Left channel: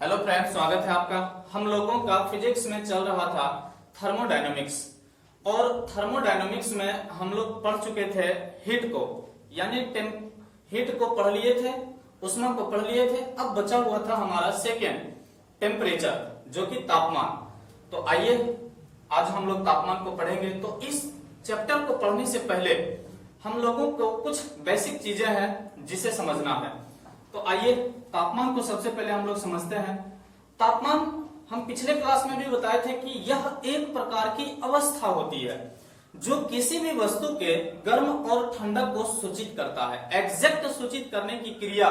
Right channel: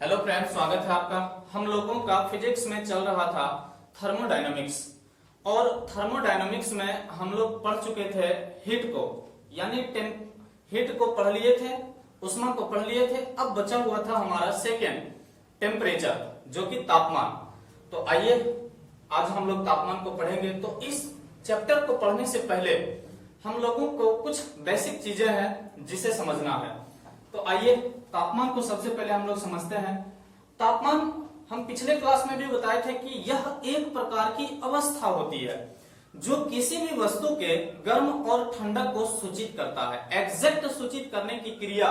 Hello friends, स्वागत है आपका। हम लोगों का फिजिक्स में चल रहा था थर्मोडायनामिक्स, और थर्मोडायनामिक्स में हम लोग पढ़ चुके थे हीट को, यानी हीट को पढ़ लिए थे, उष्मा को पढ़ लिए थे। अब बचा हुआ था हमारा सेकेंड टेम्परेचर, जो कि तापमान। तो आइए आज हम लोग तापमान को पढ़ेंगे। तो इस चैप्टर को पढ़ने से पहले हम लोगों को कुछ बेसिक चीजें हैं जिसे समझना है। तो आइए तापमान को सबसे पहले हम लोग समझते हैं। तापमान हम पिछले क्लास में भी बताए थे कि यह एक प्रकार की अवस्था होती है जो किसी भी वस्तु के गर्म और ठंडक को सूचित करता है। एग्जैक्ट सूचित करने की क्रिया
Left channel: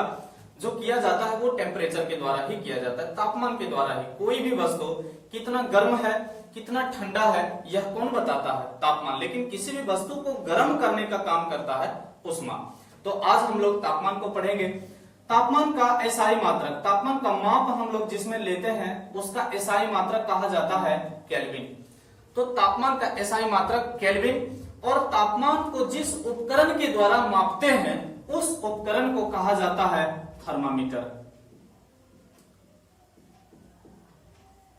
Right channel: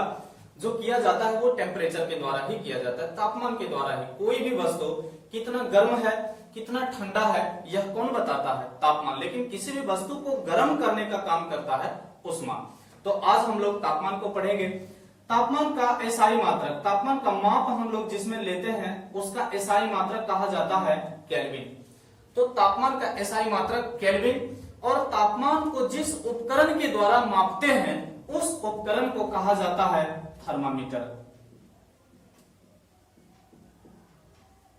जो किया जाता है वो टेम्परेचर के द्वारा ही किया जाता है, तापमान के द्वारा ही। कोई भी वस्तु कितना गर्म है कितना ठंडा है यह कौन बताता है? तापमान। लेकिन किसी भी वस्तु को गर्म करने का काम करता है उष्मा। तो आज हम लोग तापमान को पढ़ेंगे। तापमान का एसआई मात्रक, तापमान का माप हम लोग जिसमें लेते हैं उसका एसआई मात्रक कहा जाता है केल्विन। तो तापमान का एसआई मात्रक केल्विन, और तापमान को जिस उपकरण के द्वारा मापते हैं उस उपकरण को कहा जाता है थर्मामीटर।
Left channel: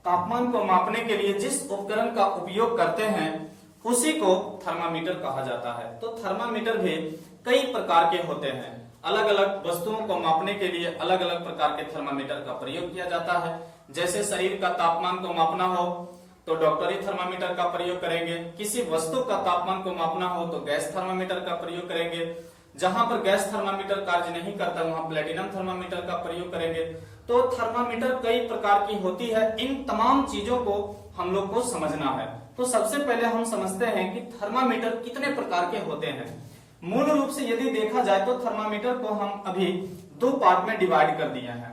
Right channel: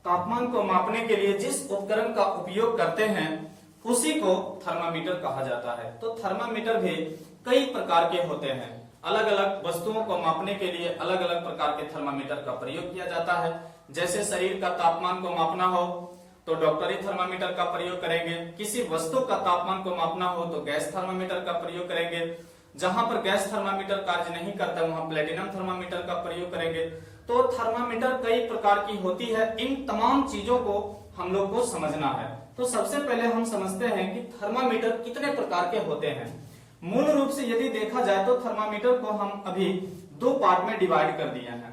तापमान को मापने के लिए जिस उपकरण का उपयोग करते हैं उसी को थर्मामीटर कहा जाता है। तो थर्मामीटर भी कई प्रकार के होते हैं। अलग अलग वस्तुओं को मापने के लिए अलग अलग प्रकार के थर्मामीटर का प्रयोग किया जाता है। जैसे शरीर का तापमान को मापना हो तो डॉक्टरी थर्मामीटर का प्रयोग करेंगे। किसी वस्तु का तापमान को मापना हो तो गैस थर्मामीटर का प्रयोग करेंगे। जहां पर गैस थर्मामीटर कार्य नहीं करता वहां प्लेटिनम थर्मामीटर का प्रयोग करेंगे। तो थर्मामीटर कई प्रकार की होती है। इन तमाम चीजों को हम लोग को समझना है। तो सबसे पहले हम समझते हैं कि थर्मामीटर कितने प्रकार के होते हैं। मूल रूप से यदि देखा जाए तो थर्मामीटर को हम अभी दो पार्ट में डिवाइड कर दिए हैं।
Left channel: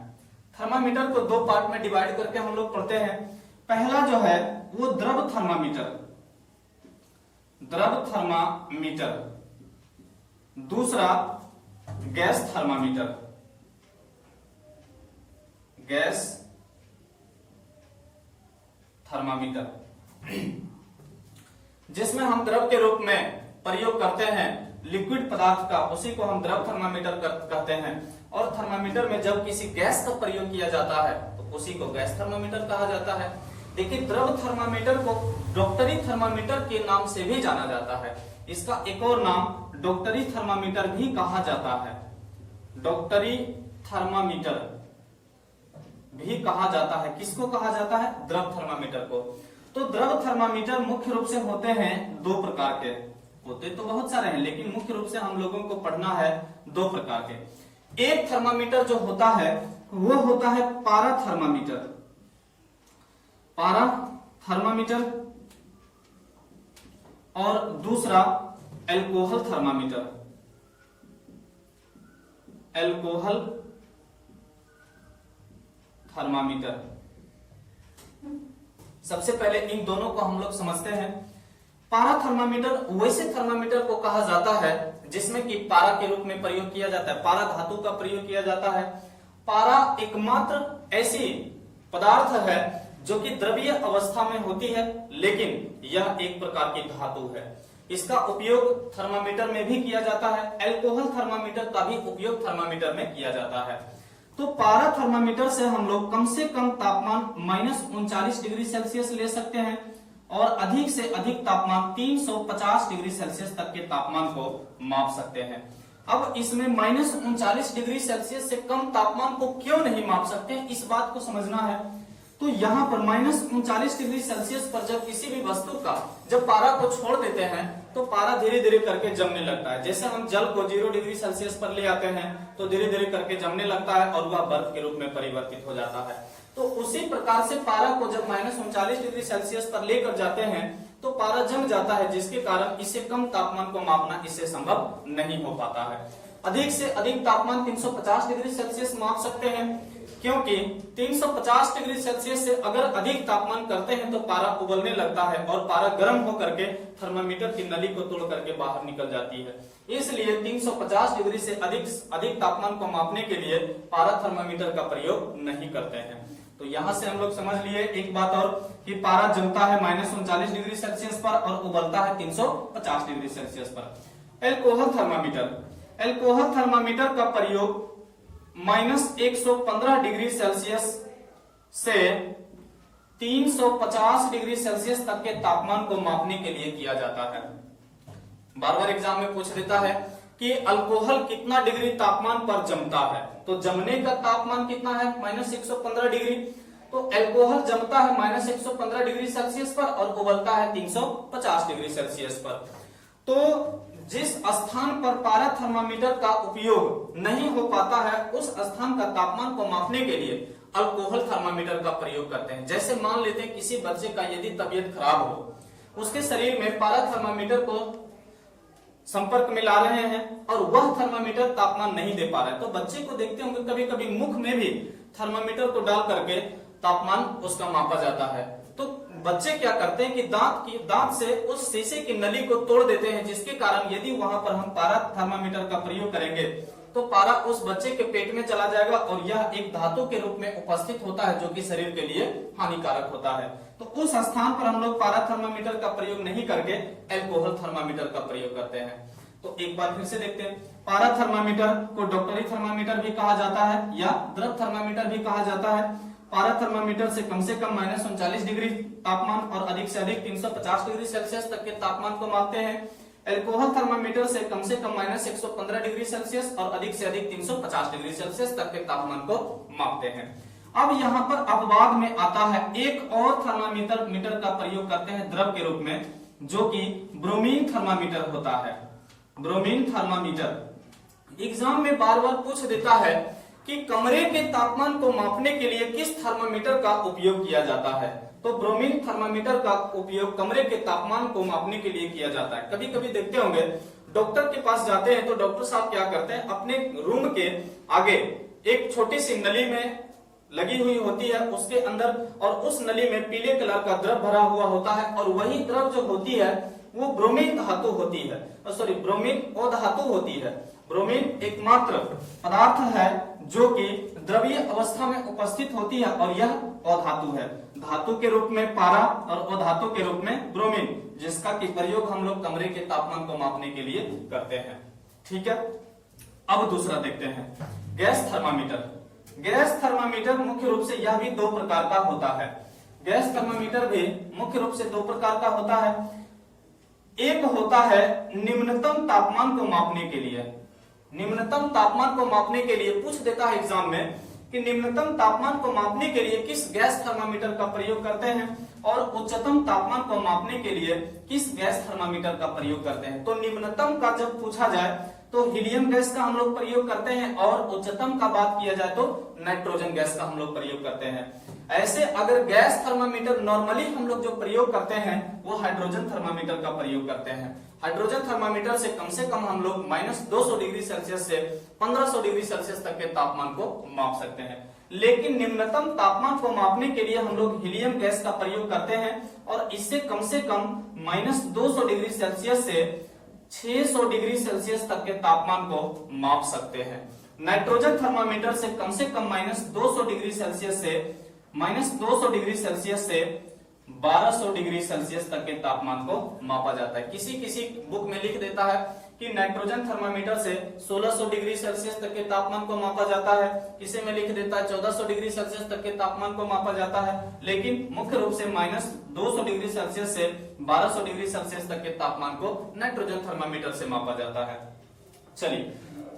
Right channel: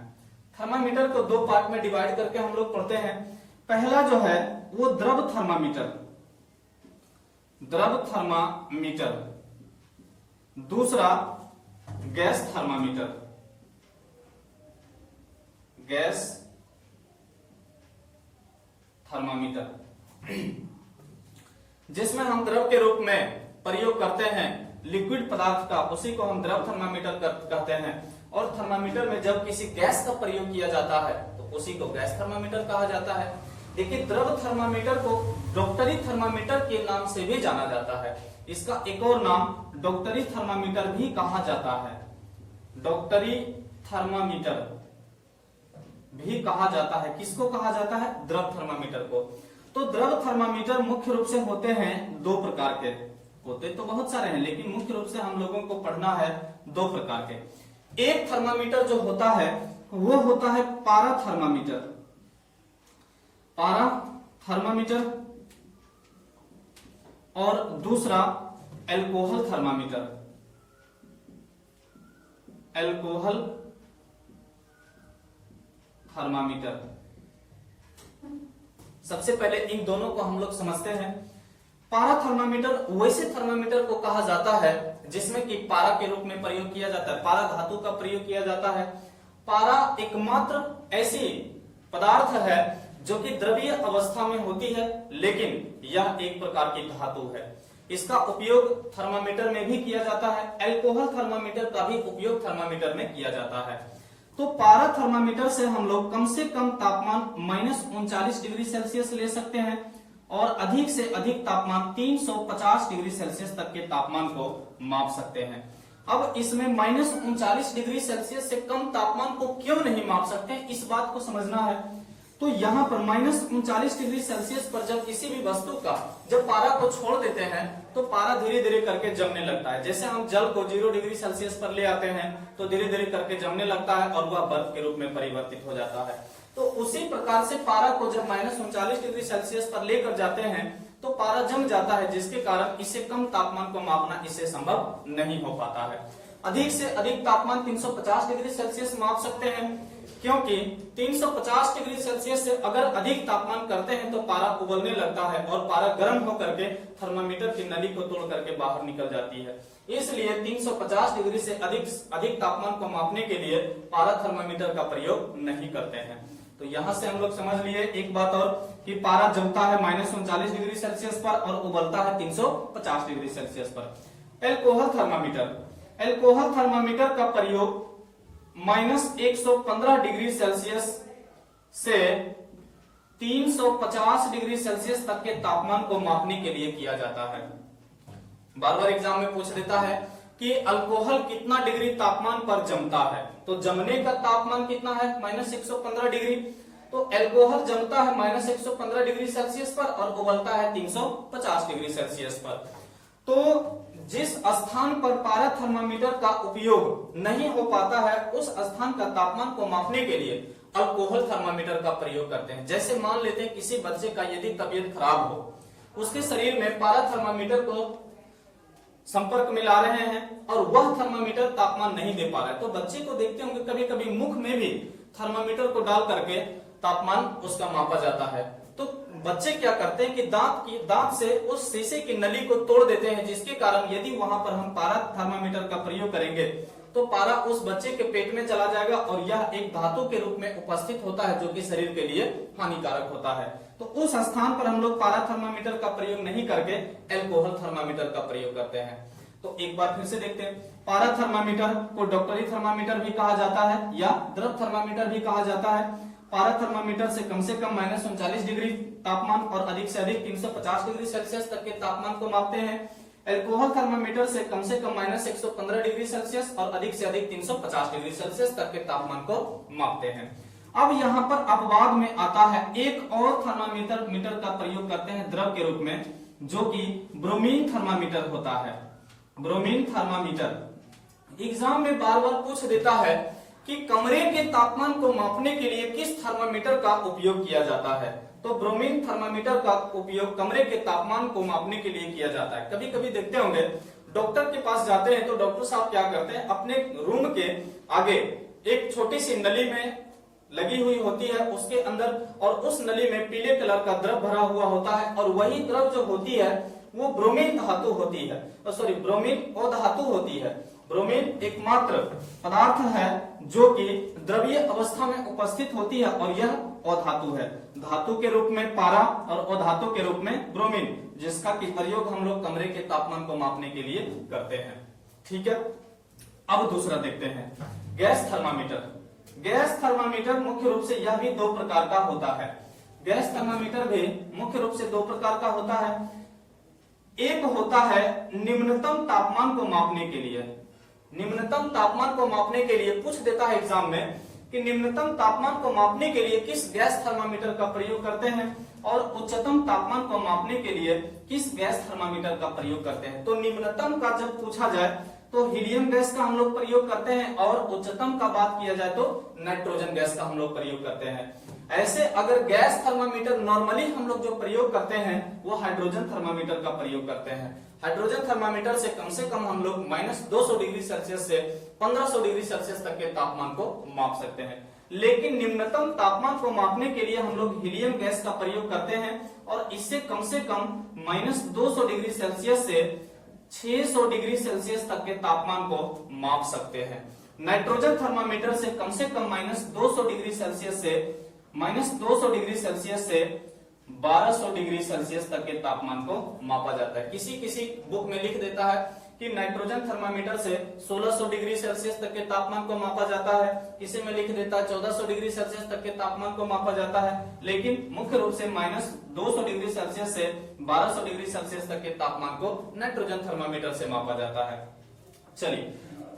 थर्मामीटर को दो पार्ट में डिवाइड करके हम लोग पढ़ते हैं। पहला जो है वो द्रव थर्मामीटर, द्रव थर्मामीटर। दूसरा गैस थर्मामीटर, गैस थर्मामीटर, जिसमें हम द्रव के रूप में प्रयोग करते हैं लिक्विड पदार्थ का, उसी को हम द्रव थर्मामीटर कहते हैं। और थर्मामीटर में जब किसी गैस का प्रयोग किया जाता है तो उसी को गैस थर्मामीटर कहा जाता है। लेकिन द्रव थर्मामीटर को डॉक्टरी थर्मामीटर के नाम से भी जाना जाता है। इसका एक और नाम डॉक्टरी थर्मामीटर भी कहा जाता है। डॉक्टरी थर्मामीटर भी कहा जाता है। किसको कहा जाता है? द्रव थर्मामीटर को। तो द्रव थर्मामीटर मुख्य रूप से होते हैं दो प्रकार के। होते तो बहुत सारे हैं लेकिन मुख्य रूप से हम लोगों को पढ़ना है दो प्रकार के। एक थर्मामीटर जो होता है वो होता है पारा थर्मामीटर, पारा थर्मामीटर, और दूसरा एल्कोहल थर्मामीटर, एल्कोहल थर्मामीटर। सबसे पहले इन दोनों को हम लोग समझते हैं। पारा थर्मामीटर वैसे थर्मामीटर को कहा जाता है जिसमें कि पारा के रूप में प्रयोग किया जाता है, पारा धातु का प्रयोग किया जाता है। पारा एकमात्र ऐसी पदार्थ है जो कि द्रवीय अवस्था में होती है, लेकिन यह एक प्रकार की धातु है। इसका उपयोग थर्मामीटर में भी किया जाता है। एल्कोहल थर्मामीटर का भी उपयोग थर्मामीटर में किया जाता है। तो पारा थर्मामीटर से हम लोग कम से कम तापमान -39 डिग्री सेल्सियस ले सकते हैं और अधिक से अधिक तापमान 350 डिग्री सेल्सियस तक के तापमान को माप सकते हैं। अब इसमें -39 डिग्री सेल्सियस से कम तापमान को क्यों नहीं माप सकते, इस बात को समझना है। तो यहाँ पर -39 डिग्री सेल्सियस पर जब किसी भी वस्तु का जब पारा को छोड़ देते हैं तो पारा धीरे धीरे करके जमने लगता है। जैसे हम जल को 0 डिग्री सेल्सियस पर ले आते हैं तो धीरे धीरे करके जमने लगता है और वह बर्फ के रूप में परिवर्तित हो जाता है। तो उसी प्रकार से पारा को जब -39 डिग्री सेल्सियस पर लेकर जाते हैं तो पारा जम जाता है, जिसके कारण इससे कम तापमान को मापना इससे संभव नहीं हो पाता है। अधिक से अधिक तापमान 350 डिग्री सेल्सियस माप सकते हैं, क्योंकि 350 डिग्री सेल्सियस से अगर अधिक तापमान करते हैं तो पारा उबलने लगता है और पारा गर्म होकर के थर्मामीटर की नली को तोड़ करके बाहर निकल जाती है। इसलिए 350 डिग्री से अधिक तापमान को मापने के लिए पारा थर्मामीटर का प्रयोग नहीं करते हैं। तो यहां से हम लोग समझ लिए एक बात और कि पारा जमता है -39 डिग्री सेल्सियस पर और उबलता है 350 डिग्री सेल्सियस पर। एल्कोहल थर्मामीटर, एल्कोहल थर्मामीटर का प्रयोग -115 डिग्री सेल्सियस से 350 डिग्री सेल्सियस तक के तापमान को मापने के लिए किया जाता है। बार बार एग्जाम में पूछ लेता है कि अल्कोहल कितना डिग्री तापमान पर जमता है, तो जमने का तापमान कितना है -115 डिग्री। तो अल्कोहल जमता है -115 डिग्री सेल्सियस पर और उबलता है 350 डिग्री सेल्सियस पर। तो जिस स्थान पर पारा थर्मामीटर का उपयोग नहीं हो पाता है उस स्थान का तापमान को मापने के लिए अल्कोहल थर्मामीटर का प्रयोग करते हैं। जैसे मान लेते हैं किसी बच्चे का यदि तबीयत खराब हो, उसके शरीर में पारा थर्मामीटर को संपर्क में ला रहे हैं और वह थर्मामीटर तापमान नहीं दे पा रहा है, तो बच्चे को देखते होंगे कभी कभी मुख में भी थर्मामीटर को डाल करके तापमान उसका मापा जाता है। तो बच्चे क्या करते हैं कि दांत से उस शीशे की नली को तोड़ देते हैं, जिसके कारण यदि वहां पर हम पारा थर्मामीटर का प्रयोग करेंगे तो पारा उस बच्चे के पेट में चला जाएगा और यह एक धातु के रूप में उपस्थित होता है जो कि शरीर के लिए हानिकारक होता है। तो उस स्थान पर हम लोग पारा थर्मामीटर का प्रयोग नहीं करके अल्कोहल थर्मामीटर का प्रयोग करते हैं। तो एक बार फिर से देखते हैं, पारा थर्मामीटर को डॉक्टरी थर्मामीटर भी कहा जाता है या द्रव थर्मामीटर भी कहा जाता है। पारा थर्मामीटर से कम -39 डिग्री तापमान और अधिक से अधिक 350 डिग्री सेल्सियस तक के तापमान को मापते हैं। अल्कोहल थर्मामीटर से कम -115 डिग्री सेल्सियस और अधिक से अधिक 350 डिग्री सेल्सियस तक के तापमान को मापते हैं। अब यहाँ पर अपवाद में आता है एक और थर्मामीटर का प्रयोग करते हैं द्रव के रूप में, जो कि ब्रोमीन थर्मामीटर होता है। ब्रोमीन थर्मामीटर एग्जाम में बार बार पूछ देता है कि कमरे के तापमान को मापने के लिए किस थर्मामीटर का उपयोग किया जाता है। तो ब्रोमीन थर्मामीटर का उपयोग कमरे के तापमान को मापने के लिए किया जाता है। कभी कभी देखते होंगे डॉक्टर के पास जाते हैं तो डॉक्टर साहब क्या करते हैं, अपने रूम के आगे एक छोटी सी नली में लगी हुई होती है उसके अंदर, और उस नली में पीले कलर का द्रव भरा हुआ होता है और वही द्रव जो होती है वो ब्रोमीन धातु होती है, सॉरी ब्रोमीन अधातु होती है। ब्रोमीन एकमात्र पदार्थ है जो कि द्रवीय अवस्था में उपस्थित होती है और यह अधातु है। धातु के रूप में पारा और अधातु के रूप में ब्रोमीन, जिसका कि प्रयोग हम लोग कमरे के तापमान को मापने के लिए करते हैं। ठीक है, अब दूसरा देखते हैं गैस थर्मामीटर। गैस थर्मामीटर मुख्य रूप से यह भी दो प्रकार का होता है। गैस थर्मामीटर भी मुख्य रूप से दो प्रकार का होता है। एक होता है निम्नतम तापमान को मापने के लिए। निम्नतम तापमान को मापने के लिए पूछ देता है एग्जाम में कि निम्नतम तापमान को मापने के लिए किस गैस थर्मामीटर का प्रयोग करते हैं और उच्चतम तापमान को मापने के लिए किस गैस थर्मामीटर का प्रयोग करते हैं। तो निम्नतम का जब पूछा जाए तो हीलियम गैस का हम लोग प्रयोग करते हैं और उच्चतम का बात किया जाए तो नाइट्रोजन गैस का हम लोग प्रयोग करते हैं। ऐसे अगर गैस थर्मामीटर नॉर्मली हम लोग जो प्रयोग करते हैं वो हाइड्रोजन थर्मामीटर का प्रयोग करते हैं। हाइड्रोजन थर्मामीटर से कम हम लोग -200 डिग्री सेल्सियस से 1500 डिग्री सेल्सियस तक के तापमान को माप सकते हैं। लेकिन निम्नतम तापमान को मापने के लिए हम लोग हीलियम गैस का प्रयोग करते हैं और इससे कम -200 डिग्री सेल्सियस से 600 डिग्री सेल्सियस तक के तापमान को माप सकते हैं। नाइट्रोजन थर्मामीटर से कम -200 डिग्री सेल्सियस से -200 डिग्री सेल्सियस से 1200 डिग्री सेल्सियस तक के तापमान को मापा जाता है। किसी किसी बुक में लिख देता है कि नाइट्रोजन थर्मामीटर से 1600 डिग्री सेल्सियस तक के तापमान को मापा जाता है, किसी में लिख देता है 1400 डिग्री सेल्सियस तक के तापमान को मापा जाता है, लेकिन मुख्य रूप से -200 डिग्री सेल्सियस से 1200 डिग्री सेल्सियस तक के तापमान को नाइट्रोजन थर्मामीटर से मापा जाता है। चलिए,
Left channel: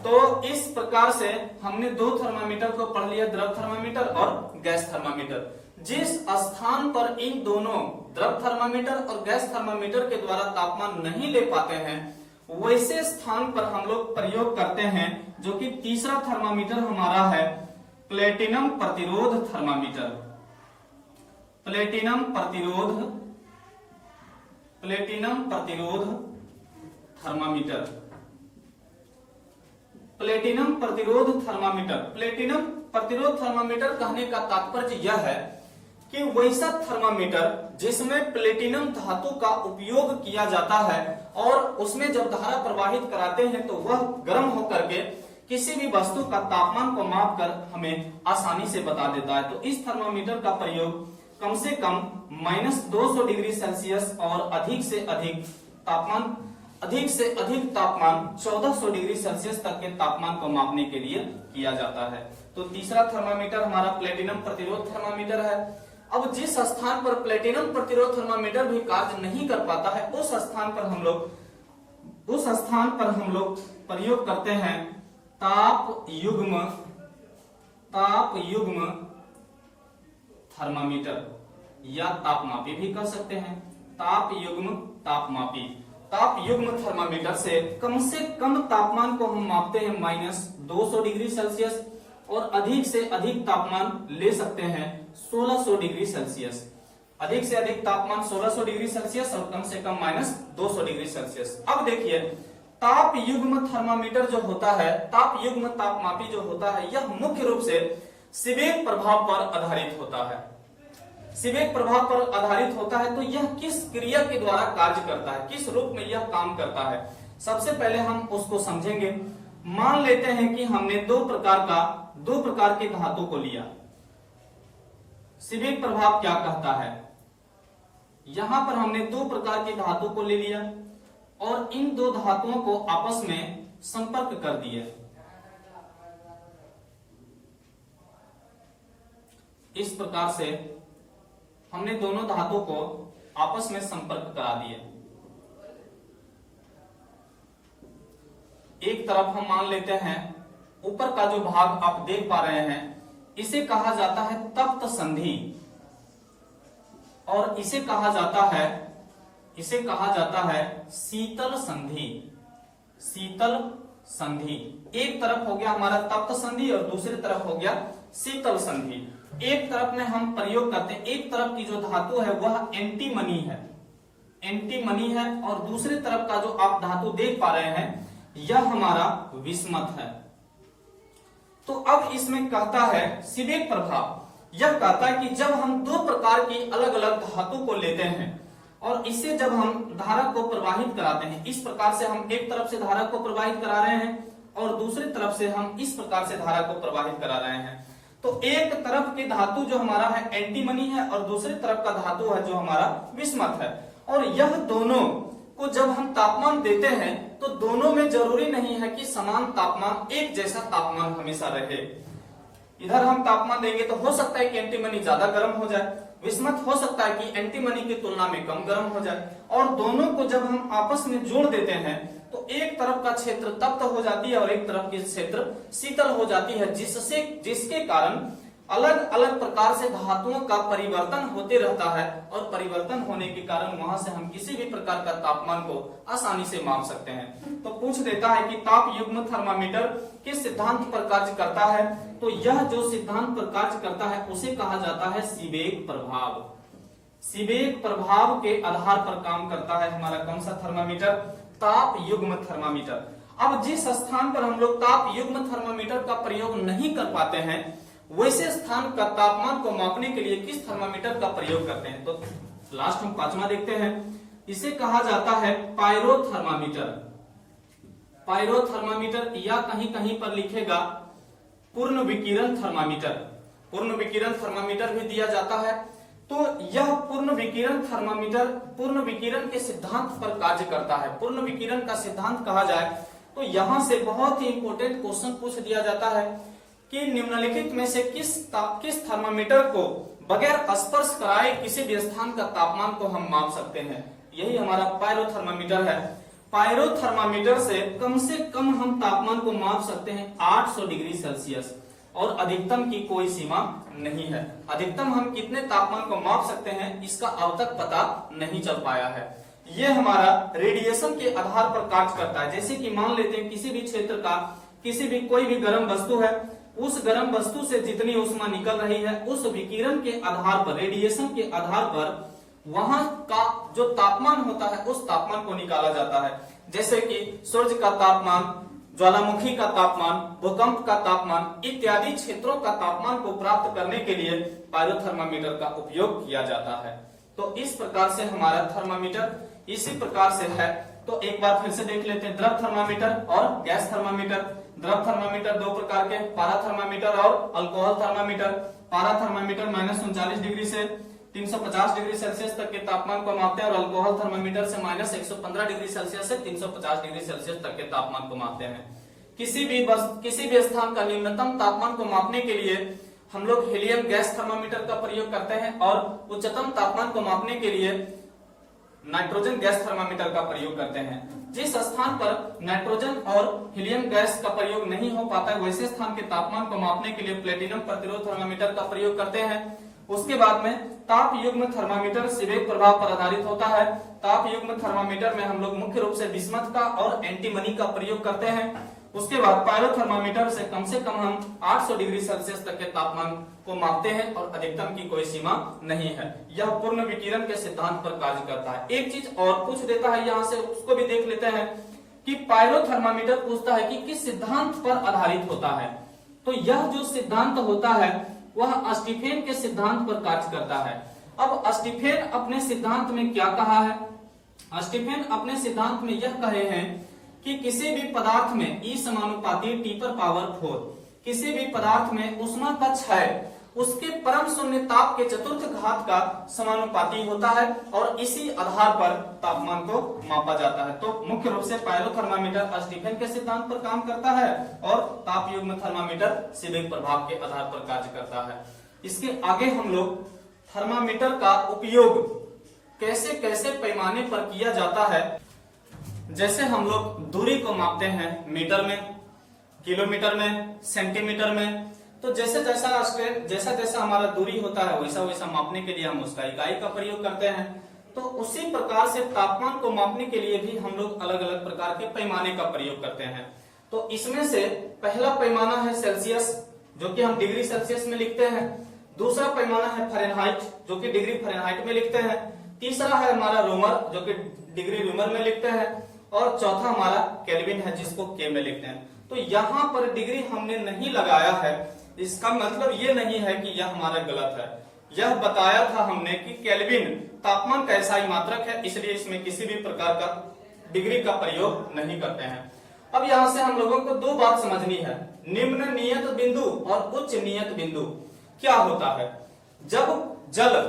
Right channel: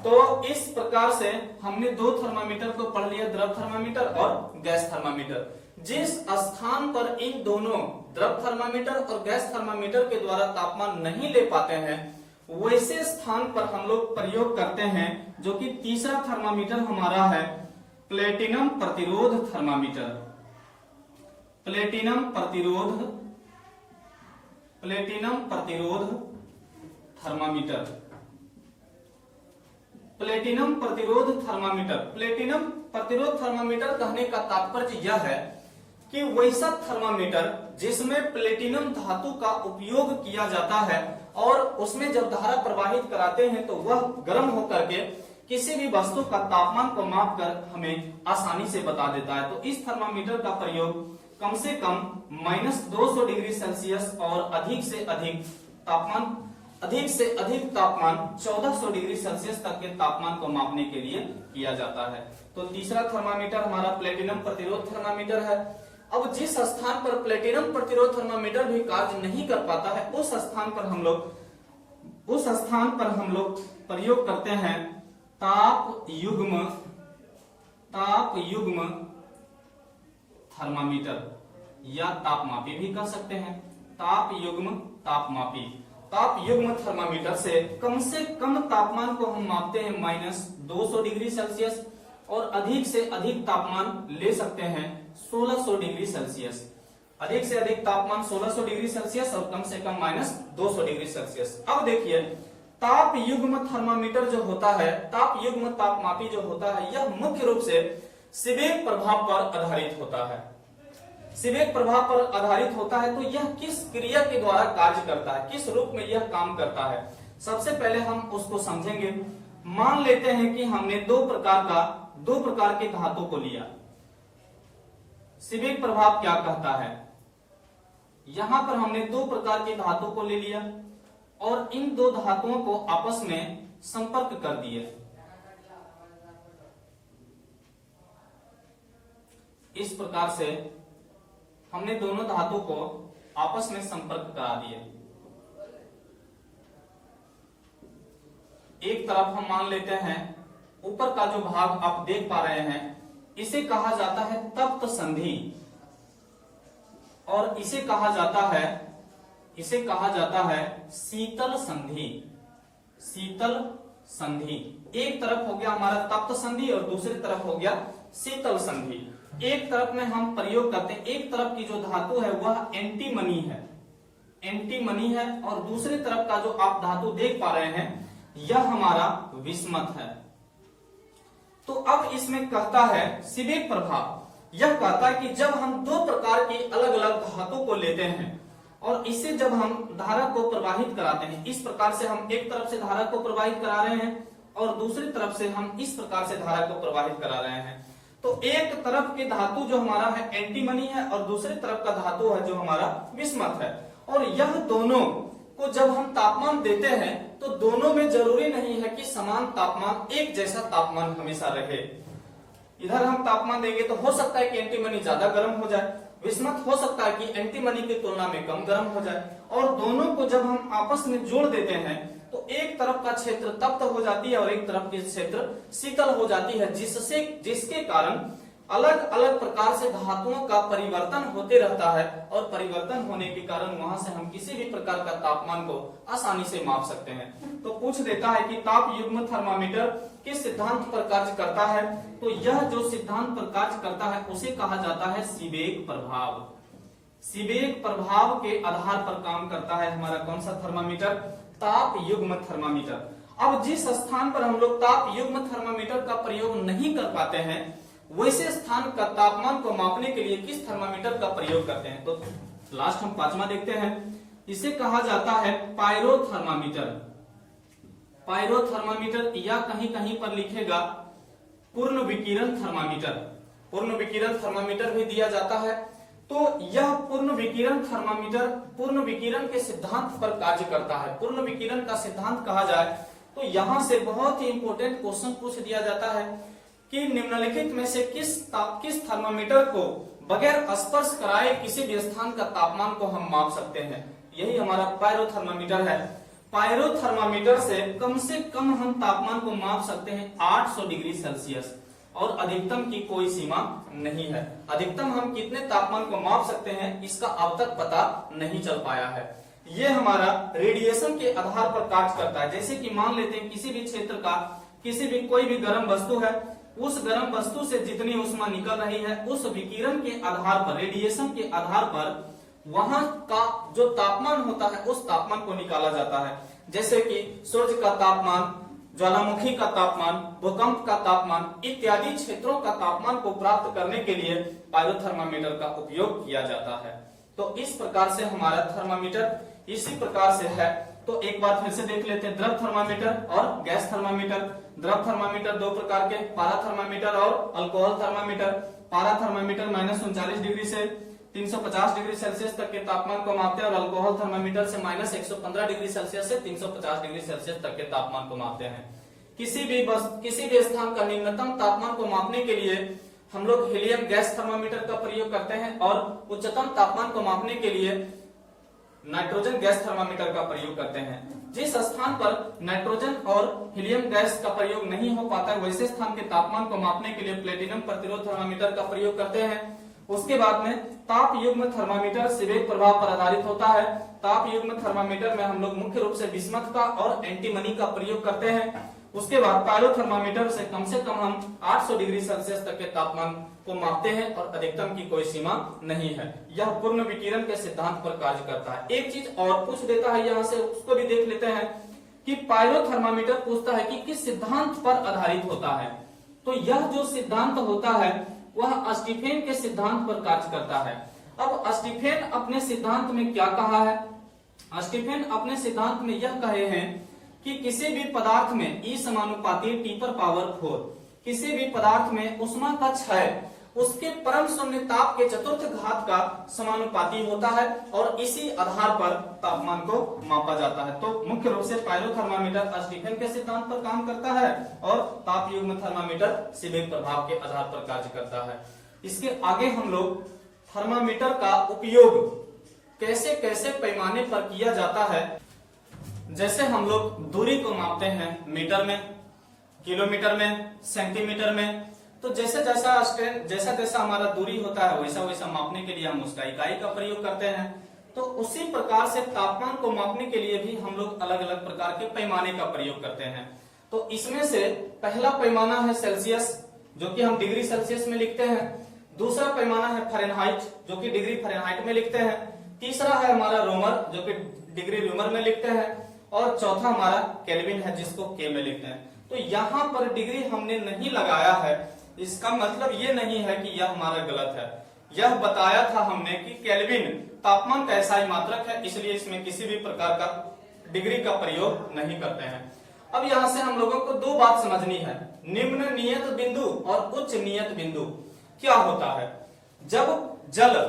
तो इस प्रकार से हमने दो थर्मामीटर को पढ़ लिया, द्रव थर्मामीटर और गैस थर्मामीटर। जिस स्थान पर इन दोनों द्रव थर्मामीटर और गैस थर्मामीटर के द्वारा तापमान नहीं ले पाते हैं वैसे स्थान पर हम लोग प्रयोग करते हैं जो कि तीसरा थर्मामीटर हमारा है प्लेटिनम प्रतिरोध थर्मामीटर। प्लेटिनम प्रतिरोध थर्मामीटर। प्लेटिनम प्रतिरोध थर्मामीटर। प्लेटिनम प्रतिरोध थर्मामीटर कहने का तात्पर्य यह है कि वैसा थर्मामीटर जिसमें प्लेटिनम धातु का उपयोग किया जाता है और उसमें जब धारा प्रवाहित कराते हैं तो वह गर्म होकर के किसी भी वस्तु का तापमान को मापकर हमें आसानी से बता देता है। तो इस थर्मामीटर का प्रयोग कम से कम -200 डिग्री सेल्सियस और अधिक से अधिक तापमान 1400 डिग्री सेल्सियस तक के तापमान को मापने के लिए किया जाता है। तो तीसरा थर्मामीटर हमारा प्लेटिनम प्रतिरोध थर्मामीटर है। अब जिस स्थान पर प्लेटिनम प्रतिरोध थर्मामीटर भी कार्य नहीं कर पाता है उस स्थान पर हम लोग प्रयोग करते हैं ताप युग्म थर्मामीटर या तापमापी भी कह सकते हैं। ताप युग्म थर्मामीटर से कम तापमान को हम मापते हैं -200 डिग्री सेल्सियस और अधिक से अधिक तापमान ले सकते हैं 1600 डिग्री सेल्सियस। अधिक से अधिक तापमान 1600 डिग्री सेल्सियस और कम से कम -200 डिग्री सेल्सियस। अब देखिए ताप युग्म थर्मामीटर जो होता है, ताप युग्म तापमापी जो होता है, यह मुख्य रूप से सीबेक प्रभाव पर आधारित होता है। सीबेक प्रभाव पर आधारित होता है तो यह किस क्रिया के द्वारा कार्य करता है, किस रूप में यह काम करता है, सबसे पहले हम उसको समझेंगे। मान लेते हैं कि हमने दो प्रकार के धातु को लिया। सीबेक प्रभाव क्या कहता है, यहां पर हमने दो प्रकार के धातु को ले लिया और इन दो धातुओं को आपस में संपर्क कर दिए। इस प्रकार से हमने दोनों धातु को आपस में संपर्क करा दिए। एक तरफ हम मान लेते हैं, ऊपर का जो भाग आप देख पा रहे हैं इसे कहा जाता है तप्त संधि और इसे कहा जाता है शीतल संधि। एक तरफ हो गया हमारा तप्त संधि और दूसरी तरफ हो गया शीतल संधि। एक तरफ में हम प्रयोग करते हैं, एक तरफ की जो धातु है वह एंटीमनी है और दूसरी तरफ का जो आप धातु देख पा रहे हैं यह हमारा विस्मत है। तो अब इसमें कहता है सीबेक प्रभाव, यह कहता है कि जब हम दो प्रकार की अलग अलग धातु को लेते हैं और इसे जब हम धारा को प्रवाहित कराते हैं, इस प्रकार से हम एक तरफ से धारा को प्रवाहित करा रहे हैं और दूसरी तरफ से हम इस प्रकार से धारा को प्रवाहित करा रहे हैं, तो एक तरफ की धातु जो हमारा है एंटीमनी है और दूसरी तरफ का धातु है जो हमारा विस्मत है। और यह दोनों को जब हम तापमान देते हैं तो दोनों में जरूरी नहीं है कि समान तापमान, एक जैसा तापमान हमेशा रहे। इधर हम तापमान देंगे तो हो सकता है कि एंटीमनी ज्यादा गर्म हो जाए, विस्मत हो सकता है कि एंटीमनी की तुलना में कम गर्म हो जाए, और दोनों को जब हम आपस में जोड़ देते हैं तो एक तरफ का क्षेत्र तप्त हो जाती है और एक तरफ की क्षेत्र शीतल हो जाती है, जिसके कारण अलग अलग प्रकार से धातुओं का परिवर्तन होते रहता है और परिवर्तन होने के कारण वहां से हम किसी भी प्रकार का तापमान को आसानी से माप सकते हैं। तो पूछ देता है कि ताप युग्म थर्मामीटर किस सिद्धांत पर कार्य करता है, तो यह जो सिद्धांत पर कार्य करता है उसे कहा जाता है सीबेक प्रभाव। सीबेक प्रभाव के आधार पर काम करता है हमारा कौन सा थर्मामीटर, ताप युग्म थर्मामीटर। अब जिस स्थान पर हम लोग ताप युग्म थर्मामीटर का प्रयोग नहीं कर पाते हैं वैसे स्थान का तापमान को मापने के लिए किस थर्मामीटर का प्रयोग करते हैं, तो लास्ट हम पांचवा देखते हैं। इसे कहा जाता है पायरोथर्मामीटर। पायरोथर्मामीटर या कहीं कहीं पर लिखेगा पूर्ण विकिरण थर्मामीटर। पूर्ण विकिरण थर्मामीटर भी दिया जाता है। तो यह पूर्ण विकिरण थर्मामीटर पूर्ण विकिरण के सिद्धांत पर कार्य करता है। पूर्ण विकिरण का सिद्धांत कहा जाए तो यहां से बहुत ही इंपॉर्टेंट क्वेश्चन पूछ दिया जाता है कि निम्नलिखित में से किस थर्मामीटर को बगैर स्पर्श कराए किसी भी स्थान का तापमान को हम माप सकते हैं। यही हमारा पायरोथर्मामीटर है। पायरोथर्मामीटर से कम हम तापमान को माप सकते हैं 800 डिग्री सेल्सियस और अधिकतम की कोई सीमा नहीं है। अधिकतम हम कितने तापमान को माप सकते हैं इसका अब तक पता नहीं चल पाया है। ये हमारा रेडिएशन के आधार पर कार्य करता है। जैसे कि मान लेते हैं किसी भी क्षेत्र का कोई भी गर्म वस्तु है, उस गर्म वस्तु से जितनी ऊष्मा निकल रही है उस विकिरण के आधार पर, रेडिएशन के आधार पर वहां का जो तापमान होता है उस तापमान को निकाला जाता है। जैसे कि सूर्य का तापमान, ज्वालामुखी का तापमान, भूकंप का तापमान इत्यादि क्षेत्रों का तापमान को प्राप्त करने के लिए पायरोथर्मामीटर का उपयोग किया जाता है। तो इस प्रकार से हमारा थर्मामीटर इसी प्रकार से है। तो एक बार फिर से देख लेते हैं, द्रव थर्मामीटर और गैस थर्मामीटर। द्रव थर्मामीटर दो प्रकार के, पारा थर्मामीटर और अल्कोहल थर्मामीटर। पारा थर्मामीटर -39 डिग्री से 350 डिग्री सेल्सियस तक के तापमान को मापते हैं और अल्कोहल थर्मामीटर से -115 डिग्री सेल्सियस से 350 डिग्री सेल्सियस तक के तापमान को मापते हैं। किसी भी स्थान का निम्नतम तापमान को मापने के लिए हम लोग हीलियम गैस थर्मामीटर का प्रयोग करते हैं और उच्चतम तापमान को मापने के लिए नाइट्रोजन गैस थर्मामीटर का प्रयोग करते हैं। जिस स्थान पर नाइट्रोजन और हीलियम गैस का प्रयोग नहीं हो पाता है वैसे स्थान के तापमान को मापने के लिए प्लेटिनम प्रतिरोध थर्मामीटर का प्रयोग करते हैं। उसके बाद में ताप युग्म थर्मामीटर सीबेक प्रभाव पर आधारित होता है। ताप युग्म थर्मामीटर में हम लोग मुख्य रूप से बिस्मथ का और एंटीमनी का प्रयोग करते हैं। उसके बाद पायरोथर्मामीटर से कम हम 800 डिग्री सेल्सियस तक के तापमान को मापते हैं और अधिकतम की कोई सीमा नहीं है। यह पूर्ण विकिरण के सिद्धांत पर कार्य करता है। एक चीज और पूछ देता है यहाँ से, उसको भी देख लेते हैं कि पायरोथर्मामीटर पूछता है कि किस सिद्धांत पर आधारित होता है। तो यह जो सिद्धांत होता है वह स्टीफेन के सिद्धांत पर कार्य करता है। अब स्टीफेन अपने सिद्धांत में क्या कहा है? स्टीफेन अपने सिद्धांत में यह कहे हैं कि किसी भी पदार्थ में E समानुपाती T⁴ किसी भी पदार्थ में ऊष्मा का क्षय उसके परम शून्य ताप के चतुर्थ घात का समानुपाती होता है और इसी आधार पर तापमान को मापा जाता है। तो मुख्य रूप से पायरोथर्मामीटर स्टीफेन के सिद्धांत पर काम करता है और ताप युग्म थर्मामीटर सीबेक प्रभाव के आधार पर कार्य करता है। इसके आगे हम लोग थर्मामीटर का उपयोग कैसे कैसे पैमाने पर किया जाता है। जैसे हम लोग दूरी को मापते हैं मीटर में, किलोमीटर में, सेंटीमीटर में, तो जैसा जैसा हमारा दूरी होता है वैसा वैसा मापने के लिए हम उसका इकाई का प्रयोग करते हैं। तो उसी प्रकार से तापमान को मापने के लिए भी हम लोग अलग अलग प्रकार के पैमाने का प्रयोग करते हैं। तो इसमें से पहला पैमाना है सेल्सियस, जो कि हम डिग्री सेल्सियस में लिखते हैं। दूसरा पैमाना है फ़ारेनहाइट, जो कि डिग्री फ़ारेनहाइट में लिखते हैं। तीसरा है हमारा रोमर, जो कि डिग्री रोमर में लिखते हैं। और चौथा हमारा केल्विन है, जिसको के में लिखते हैं। तो यहाँ पर डिग्री हमने नहीं लगाया है, इसका मतलब ये नहीं है कि यह हमारा गलत है। यह बताया था हमने कि केल्विन तापमान का एसआई मात्रक है, इसलिए इसमें किसी भी प्रकार का डिग्री का प्रयोग नहीं करते हैं। अब यहाँ से हम लोगों को दो बात समझनी है, निम्न नियत बिंदु और उच्च नियत बिंदु क्या होता है। जब जल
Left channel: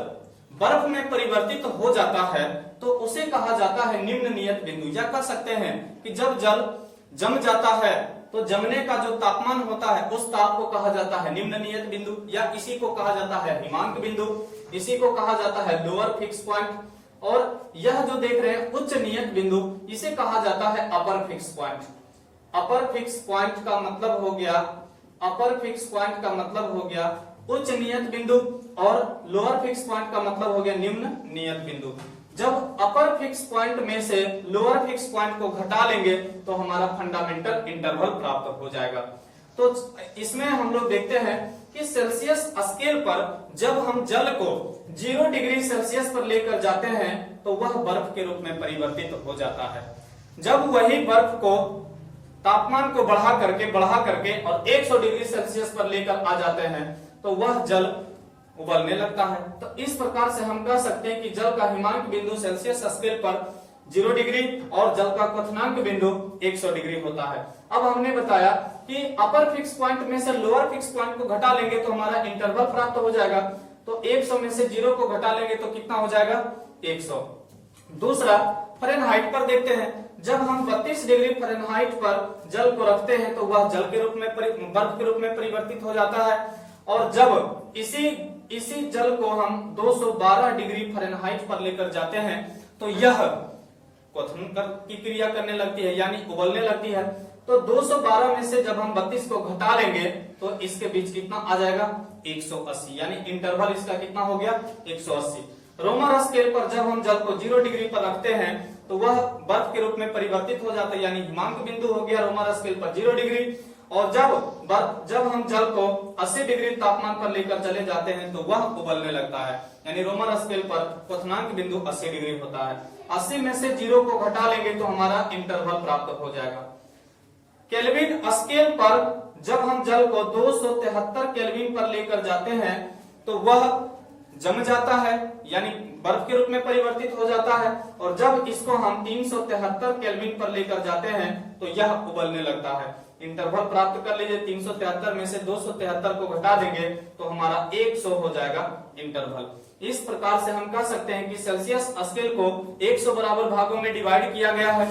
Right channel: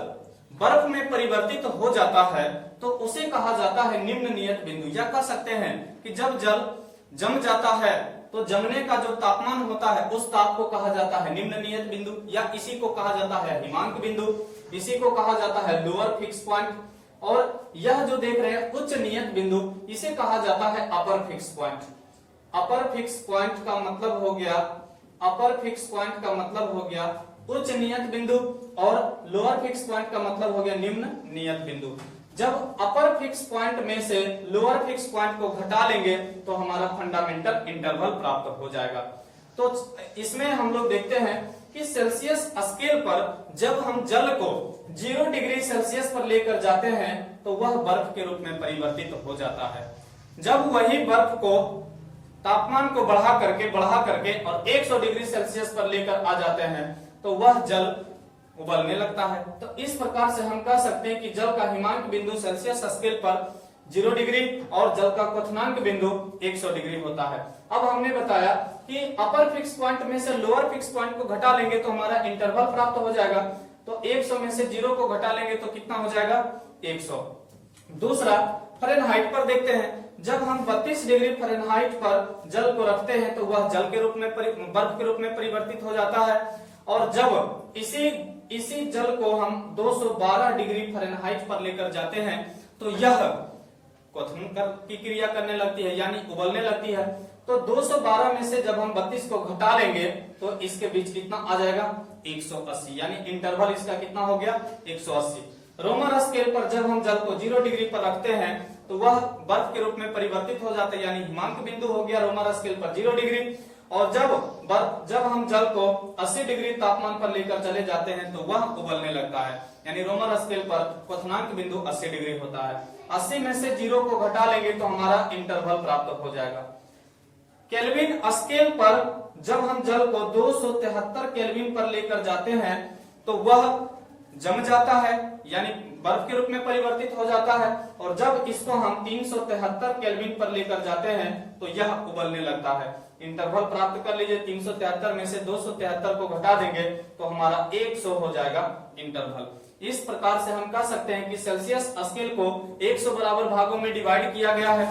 बर्फ में परिवर्तित हो जाता है तो उसे कहा जाता है निम्न नियत बिंदु, या कह सकते हैं कि जब जल जम जाता है तो जमने का जो तापमान होता है उस ताप को कहा जाता है निम्न नियत बिंदु, या इसी को कहा जाता है हिमांक बिंदु, इसी को कहा जाता है लोअर फिक्स पॉइंट। और यह जो देख रहे हैं उच्च नियत बिंदु, इसे कहा जाता है upper fix point. Upper fix point का मतलब हो गया, अपर फिक्स पॉइंट का मतलब हो गया उच्च नियत बिंदु, और लोअर फिक्स पॉइंट का मतलब हो गया निम्न नियत बिंदु। जब अपर फिक्स पॉइंट में से लोअर फिक्स पॉइंट को घटा लेंगे तो हमारा फंडामेंटल इंटरवल प्राप्त हो जाएगा। तो इसमें हम लोग देखते हैं कि सेल्सियस स्केल पर जब हम जल को 0 डिग्री सेल्सियस पर लेकर जाते हैं तो वह बर्फ के रूप में परिवर्तित हो जाता है। जब वही बर्फ को तापमान को बढ़ा करके और 100 डिग्री सेल्सियस पर लेकर आ जाते हैं तो वह जल उबलने लगता है। तो इस प्रकार से हम कह सकते हैं कि जल का हिमांक बिंदु सेल्सियस स्केल पर 0 डिग्री और जल का क्वथनांक बिंदु 100 डिग्री होता है। अब हमने बताया कि अपर फिक्स पॉइंट में से लोअर फिक्स पॉइंट को घटा लेंगे तो हमारा इंटरवल प्राप्त हो जाएगा। तो 100 में से 0 को घटा लेंगे तो कितना हो जाएगा? 100। दूसरा फ़ारेनहाइट पर देखते हैं, जब हम 32 डिग्री फ़ारेनहाइट पर जल को रखते हैं तो वह जल के रूप में बर्फ के रूप में परिवर्तित हो जाता है। और जब इसी जल को हम 212 डिग्री फ़ारेनहाइट पर लेकर जाते हैं तो यह क्वथन की क्रिया करने लगती है, यानी उबलने लगती है। तो 212 में से जब हम 32 को घटा लेंगे तो इसके बीच कितना आ जाएगा? 180, यानी इंटरवल इसका कितना हो गया? 180। रोमर स्केल पर जब हम जल को 0 डिग्री पर रखते हैं तो वह बर्फ के रूप में परिवर्तित हो जाता है, यानी हिमांक बिंदु हो गया रोमर स्केल पर 0 डिग्री। और जब हम जल को 80 डिग्री तापमान पर लेकर चले जाते हैं तो वह उबलने लगता है, यानी रोमर स्केल पर क्वथनांक बिंदु 80 डिग्री होता है। 80 में से 0 को घटा लेंगे तो हमारा इंटरवल प्राप्त हो जाएगा। केल्विन स्केल पर जब हम जल को 273 केल्विन पर लेकर जाते हैं तो वह जम जाता है, यानी बर्फ के रूप में परिवर्तित हो जाता है। और जब इसको हम 373 केल्विन पर लेकर जाते हैं तो यह उबलने लगता है। इंटरवल प्राप्त कर लीजिए, 373 में से 273 को घटा देंगे तो हमारा 100 हो जाएगा इंटरवल। इस प्रकार से हम कह सकते हैं कि सेल्सियस स्केल को 100 बराबर भागों में डिवाइड किया गया है।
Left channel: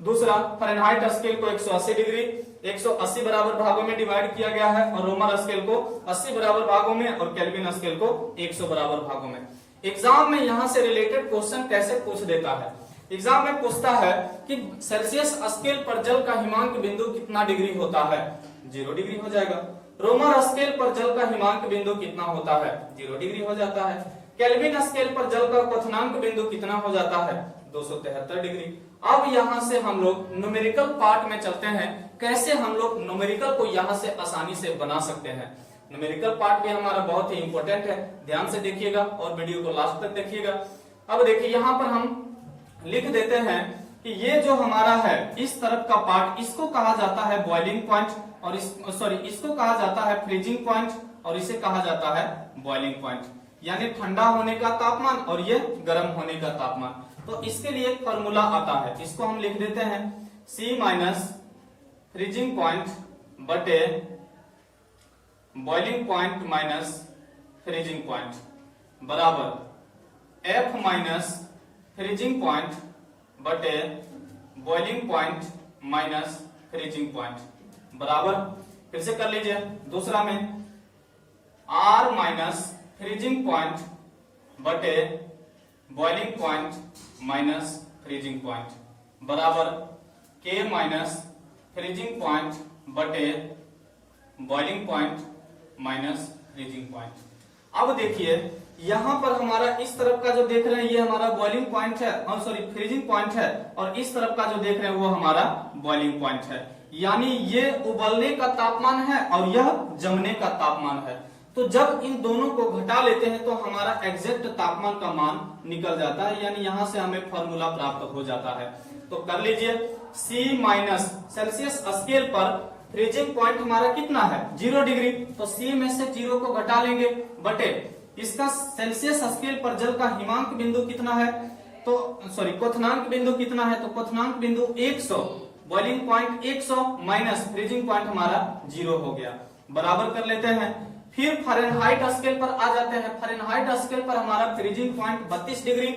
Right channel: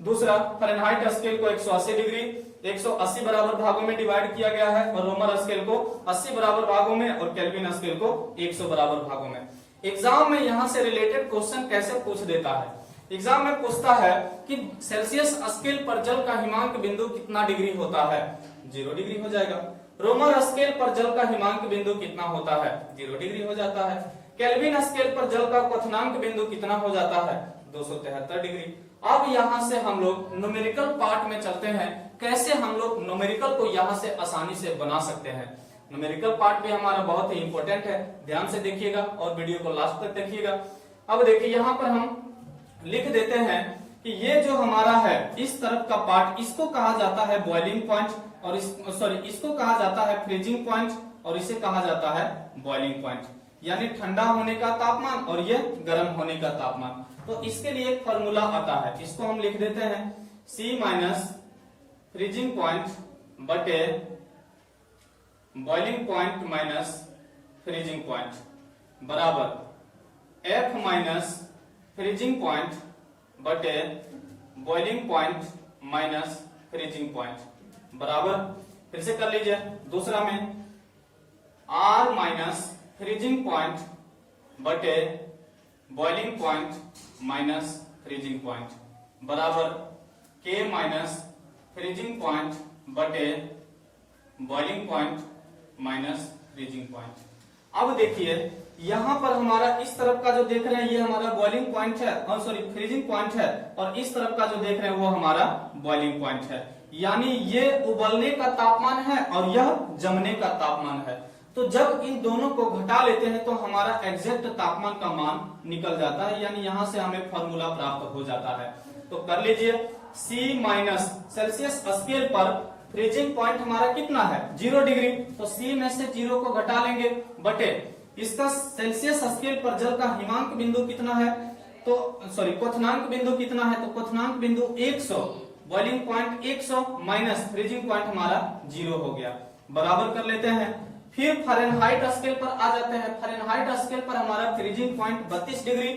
दूसरा फ़ारेनहाइट स्केल को 180 डिग्री 180 बराबर भागों में डिवाइड किया गया है और रोमन स्केल को 80 बराबर भागों में और केल्विन स्केल को 100 बराबर भागों में। एग्जाम में यहां से रिलेटेड क्वेश्चन कैसे पूछ देता है, एग्जाम में पूछता है कि सेल्सियस स्केल पर जल का हिमांक बिंदु कितना डिग्री होता है, 0 डिग्री हो जाएगा। रोमन स्केल पर जल का हिमांक बिंदु कितना होता है, 0 डिग्री हो जाता है। केल्विन स्केल पर जल का क्वथनांक बिंदु कितना हो जाता है, 273 डिग्री। अब यहां से हम लोग न्यूमेरिकल पार्ट में चलते हैं, कैसे हम लोग न्यूमेरिकल को यहां से आसानी से बना सकते हैं। न्यूमेरिकल पार्ट भी हमारा बहुत ही इंपॉर्टेंट है, ध्यान से देखिएगा और वीडियो को लास्ट तक देखिएगा। अब देखिए यहाँ पर हम लिख देते हैं कि ये जो हमारा है इस तरफ का पार्ट, इसको कहा जाता है बॉइलिंग पॉइंट और इसको कहा जाता है फ्रीजिंग पॉइंट और इसे कहा जाता है बॉइलिंग पॉइंट, यानी ठंडा होने का तापमान और ये गर्म होने का तापमान। तो इसके लिए एक फॉर्मूला आता है, इसको हम लिख देते हैं C माइनस फ्रीजिंग पॉइंट बटे boiling point minus freezing point बराबर F माइनस फ्रीजिंग पॉइंट बटे boiling point minus freezing point बराबर, फिर से कर लीजिए दूसरा में R माइनस फ्रीजिंग पॉइंट बटे boiling point minus freezing point बराबर K माइनस फ्रीजिंग पॉइंट बटे boiling point minus freezing point. अब देखिए यहां पर हमारा इस तरफ का जो देख रहे हैं ये हमारा बॉइलिंग पॉइंट है और फ्रीजिंग पॉइंट है, और इस तरफ का जो देख रहे हैं वो हमारा बॉइलिंग पॉइंट है, यानी ये उबलने का तापमान है और यह जमने का तापमान है। तो जब इन दोनों को घटा लेते हैं तो हमारा एग्जैक्ट तापमान का मान निकल जाता है, यानी यहां से हमें फॉर्मूला प्राप्त हो जाता है। तो कर लीजिए C माइनस सेल्सियस स्केल पर फ्रीजिंग पॉइंट हमारा कितना है, 0 डिग्री, तो C में से 0 को घटा लेंगे बटे इसका सेल्सियस स्केल पर जल का हिमांक बिंदु कितना है, तो क्वथनांक बिंदु कितना है, तो क्वथनांक बिंदु 100, boiling point 100 minus freezing point हमारा 0 हो गया, बराबर कर लेते हैं। फिर फ़ारेनहाइट स्केल पर आ जाते हैं। फ़ारेनहाइट स्केल पर हमारा फ्रीजिंग पॉइंट 32 डिग्री,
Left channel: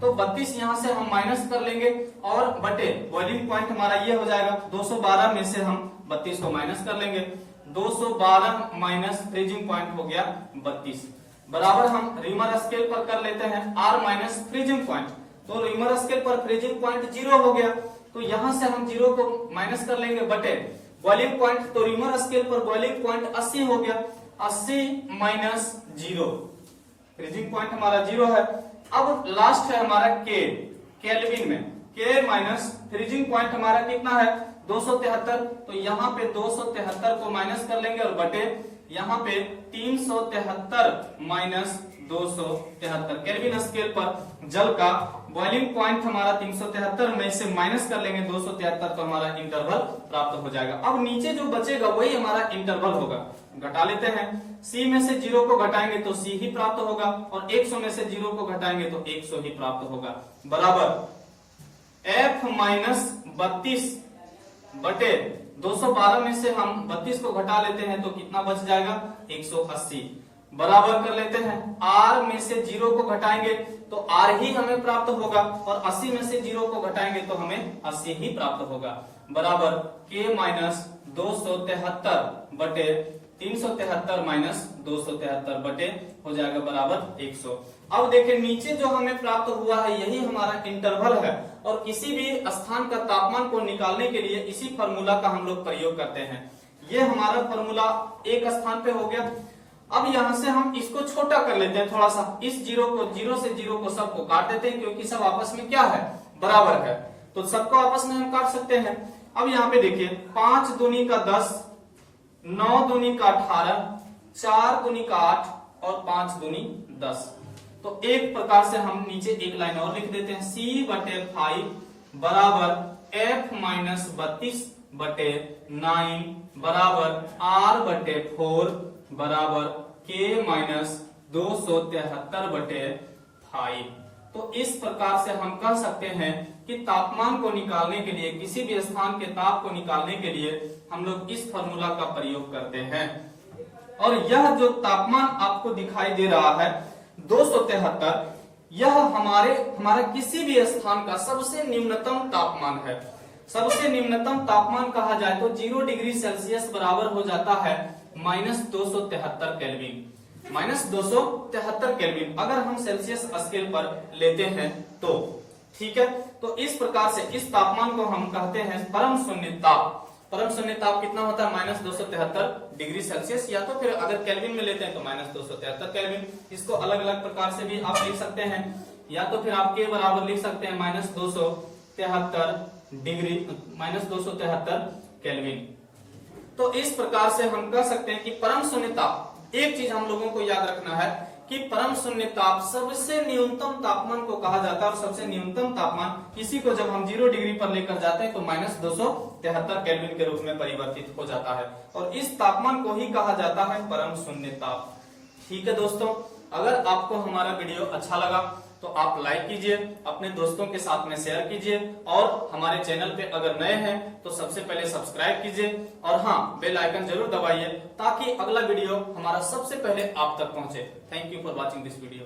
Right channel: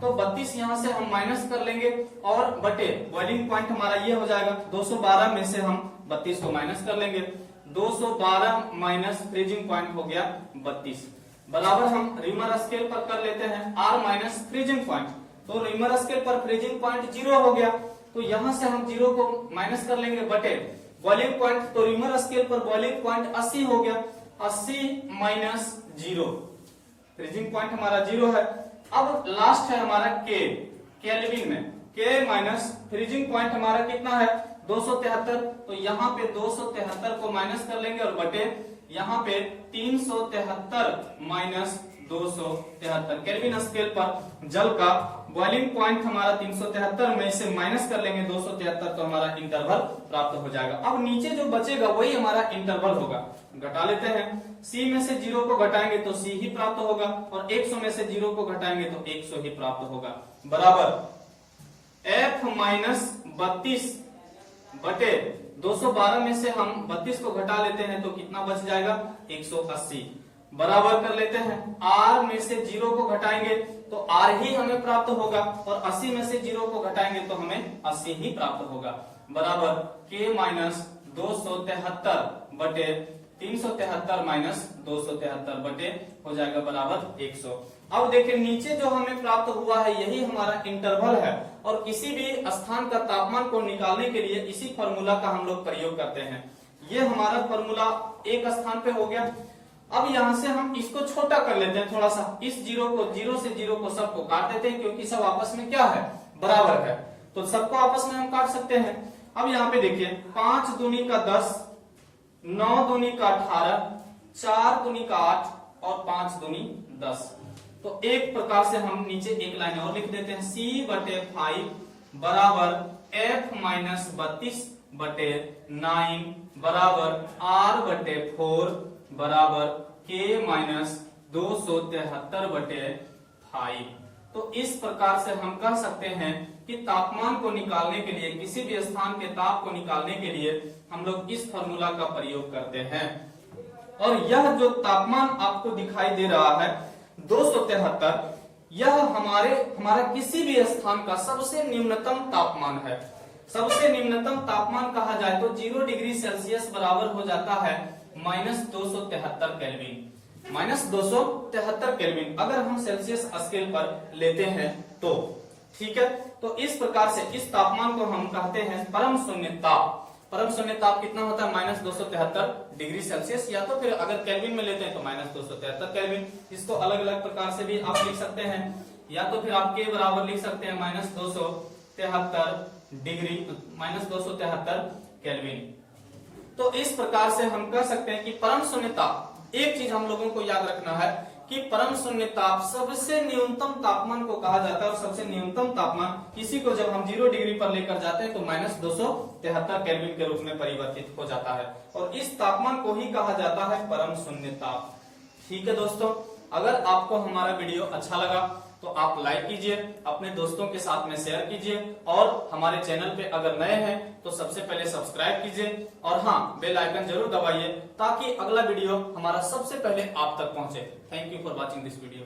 तो 32 यहां से हम माइनस कर लेंगे और बटे बॉइलिंग पॉइंट हमारा ये हो जाएगा 212 में से हम 32 को माइनस कर लेंगे, 212 माइनस फ्रीजिंग पॉइंट हो गया 32 बराबर। हम रीमर स्केल पर कर लेते हैं R माइनस फ्रीजिंग पॉइंट, तो रीमर स्केल पर फ्रीजिंग पॉइंट 0 हो गया, तो यहां से हम 0 को माइनस कर लेंगे बटे बॉइलिंग पॉइंट, तो रीमर स्केल पर बॉइलिंग पॉइंट 80 हो गया, 80 माइनस 0, फ्रीजिंग पॉइंट हमारा 0 है। अब लास्ट है हमारा K, केल्विन में K माइनस फ्रीजिंग पॉइंट हमारा कितना है 273, तो यहाँ पे 273 को माइनस कर लेंगे और बटे यहाँ पे 373 माइनस 273। केल्विन स्केल पर जल का बॉइलिंग पॉइंट हमारा 373 में से माइनस कर लेंगे 273, तो हमारा इंटरवल प्राप्त हो जाएगा। अब नीचे जो बचेगा वही हमारा इंटरवल होगा, घटा लेते हैं। C में से 0 को घटाएंगे तो C ही प्राप्त होगा और 100 में से 0 को घटाएंगे तो 100 ही प्राप्त होगा, बराबर F माइनस 32 बटे 212 में से हम 32 को घटा लेते हैं तो कितना बच जाएगा 180, बराबर कर लेते हैं। R में से 0 को घटाएंगे तो R ही हमें प्राप्त होगा और 80 में से 0 को घटाएंगे तो हमें 80 ही प्राप्त होगा, बराबर K माइनस 273 बटे 373 माइनस 273 बटे हो जाएगा बराबर 100। अब देखिए नीचे जो हमें प्राप्त हुआ है यही हमारा इंटरवल है, और किसी भी स्थान का तापमान को निकालने के लिए इसी फॉर्मूला का हम लोग प्रयोग करते हैं। ये हमारा फॉर्मूला एक स्थान पे हो गया। अब यहां से हम इसको छोटा कर लेते हैं थोड़ा सा, इस 0 से 0 को सबको काट देते हैं क्योंकि सब आपस में क्या है, बराबर है, तो सबको आपस में हम काट सकते हैं। अब यहाँ पे देखिए 5 दूनी का 10, 9 दूनी का 18, 4 दूनी का 8 और 5 दूनी 10। तो एक प्रकार से हम नीचे एक लाइन और लिख देते हैं, C बटे 5 बराबर F माइनस 32 बटे 9 बराबर R बटे 4 बराबर K माइनस 273 बटे 5। तो इस प्रकार से हम कह सकते हैं कि तापमान को निकालने के लिए, किसी भी स्थान के ताप को निकालने के लिए हम लोग इस फॉर्मूला का प्रयोग करते हैं। और यह जो तापमान आपको दिखाई दे रहा है 273, यह हमारा किसी भी स्थान का सबसे न्यूनतम तापमान है। सबसे निम्नतम तापमान कहा जाए तो 0 डिग्री सेल्सियस बराबर हो जाता है -273 केल्विन। -273 केल्विन अगर हम सेल्सियस स्केल पर लेते हैं तो ठीक है। तो इस प्रकार से इस तापमान को हम कहते हैं परम शून्य ताप। परम शून्य ताप कितना होता है? -273 डिग्री सेल्सियस, या तो फिर अगर केल्विन में लेते हैं तो -273 केल्विन। इसको अलग अलग प्रकार से भी आप लिख सकते हैं, या तो फिर आप के बराबर लिख सकते हैं -273 डिग्री -273 केल्विन। तो इस प्रकार से हम कह सकते हैं कि परम शून्य ताप, एक चीज हम लोगों को याद रखना है कि परम शून्य ताप सबसे न्यूनतम तापमान को कहा जाता है, और सबसे न्यूनतम तापमान इसी को जब हम 0 डिग्री पर लेकर जाते हैं तो -273 केल्विन के रूप में परिवर्तित हो जाता है, और इस तापमान को ही कहा जाता है परम शून्य ताप। ठीक है दोस्तों, अगर आपको हमारा वीडियो अच्छा लगा तो आप लाइक कीजिए, अपने दोस्तों के साथ में शेयर कीजिए, और हमारे चैनल पे अगर नए हैं तो सबसे पहले सब्सक्राइब कीजिए, और हाँ, बेल आइकन जरूर दबाइए ताकि अगला वीडियो हमारा सबसे पहले आप तक पहुंचे। Thank you for watching this video.